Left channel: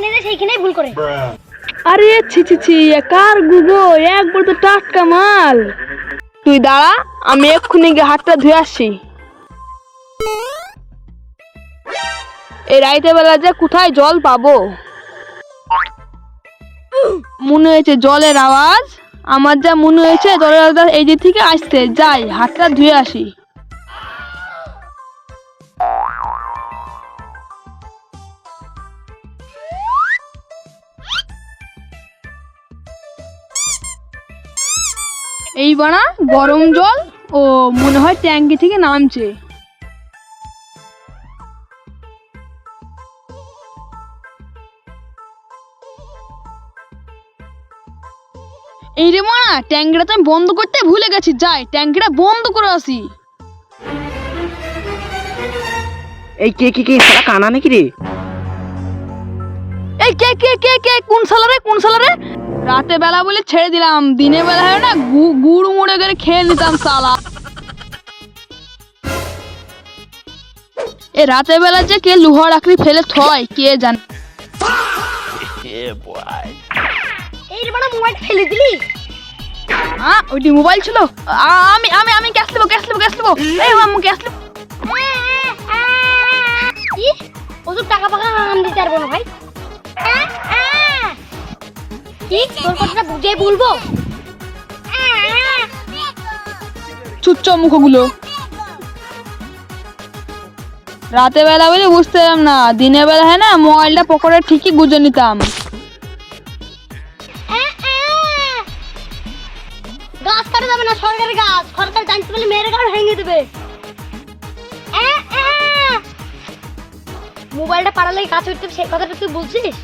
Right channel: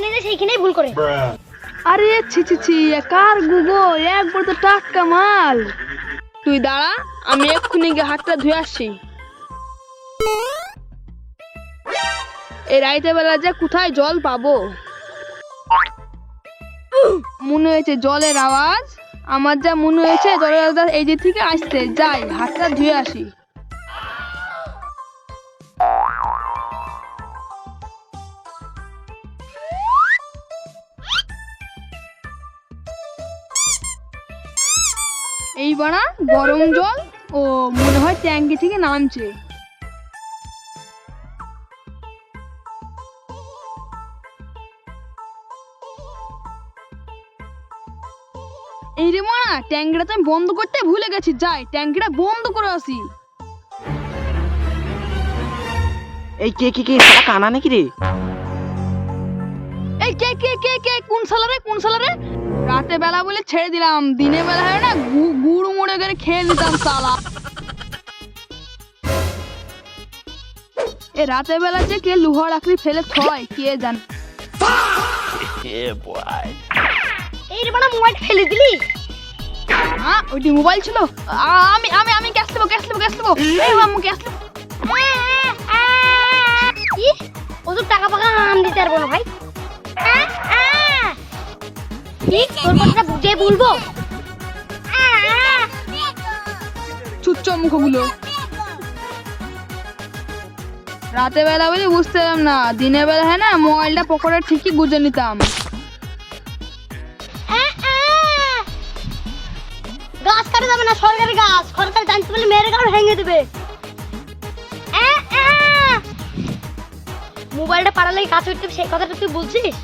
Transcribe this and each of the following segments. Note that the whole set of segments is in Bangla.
যেখানে যায় সেইখানেই ভুল করে। আরে ছি ছি ছি, কার গুগো, একবার তো টাটকা মাল। তুই দাঁড়া, আমি এক্ষুনি গিয়ে হাতটা ধুয়ে আসছি। এই রাইতে বেলা যে কোথায় জল পাবো? মনে হয়েছে জলের আওয়াজ, আমার যা মনে হয়েছে জলের আওয়াজ এই দিক থেকে আসছে। যাই হাতটা ধুয়ে আসি। এই বানা গরম জল, ও মনে হয় ট্যাঙ্কি থেকে নামছে। এই রে মানা, ট্যাঙ্কিটা তো আমি বন্ধ করতে ভুলে গেছি। যাই ট্যাঙ্কিটা বন্ধ করে আসি। এই কে কে কে সারা কানা নাকি রে? এই কে কে কে কে কোন সালা রে, কোন সালা রে? রাতে বেলা বলে ছেড়ে দিলাম, দিনে বেলা হয় না গুড় মুড়ে করে খেয়ে নিতাম সালা। এ রাতে বেলা যে কে লোহার আকড়ি ফেলে থয় কে জানে। এই রে বানা মোবাইল ফেলে দিলি? হ্যাঁ ওইটি মোবাইল ছিল। আমি আমি আমি গ্যাস নেবো, গ্যাস নেবো, গ্যাস নেবো। এই আমি গ্যাস নেবো। কি ওসব টাকা পাকা আম দিতে পারবো না ভাই। কি তোর কথাটা বুঝে বলবো? চুচ্চ মুখগুলো। রাতে বেলা বলে বুঝতে পারলাম না, দিনের বেলা হয় না মোবাইলটা পকেটে ঠিকই গুজে নিতাম। গাছ কাটা যাবে না, সরকারি গাছ। সরকার জানতে পারলে মেরে গাছ ভেঙে দেবে। মোবাইলটা পাড়ালে কাজ উঠতে সেই কথাটা তুই বলছিস?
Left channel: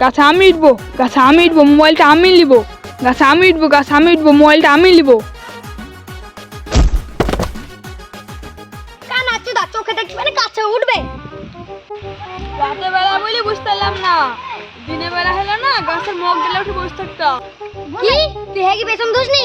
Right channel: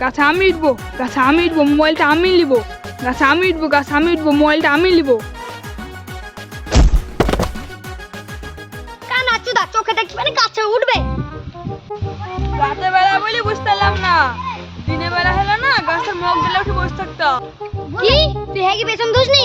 গাছে আমি উঠবো, গাছে আমি উঠবো, মোবাইলটা আমি নিবো। গাছে আমি উঠবো, গাছে আমি উঠবো, মোবাইলটা আমি নিবো। কান আচ্ছা দা চোখে দেখতে মানে গাছে উঠবে। রাতে বেলা বলে বুঝতে পারলাম না, দিনের বেলা হলো না গাছের মগ দিলে উঠে বসে থাকতাম। কি তুই হ্যাঁ কি বেতন দোষ নি?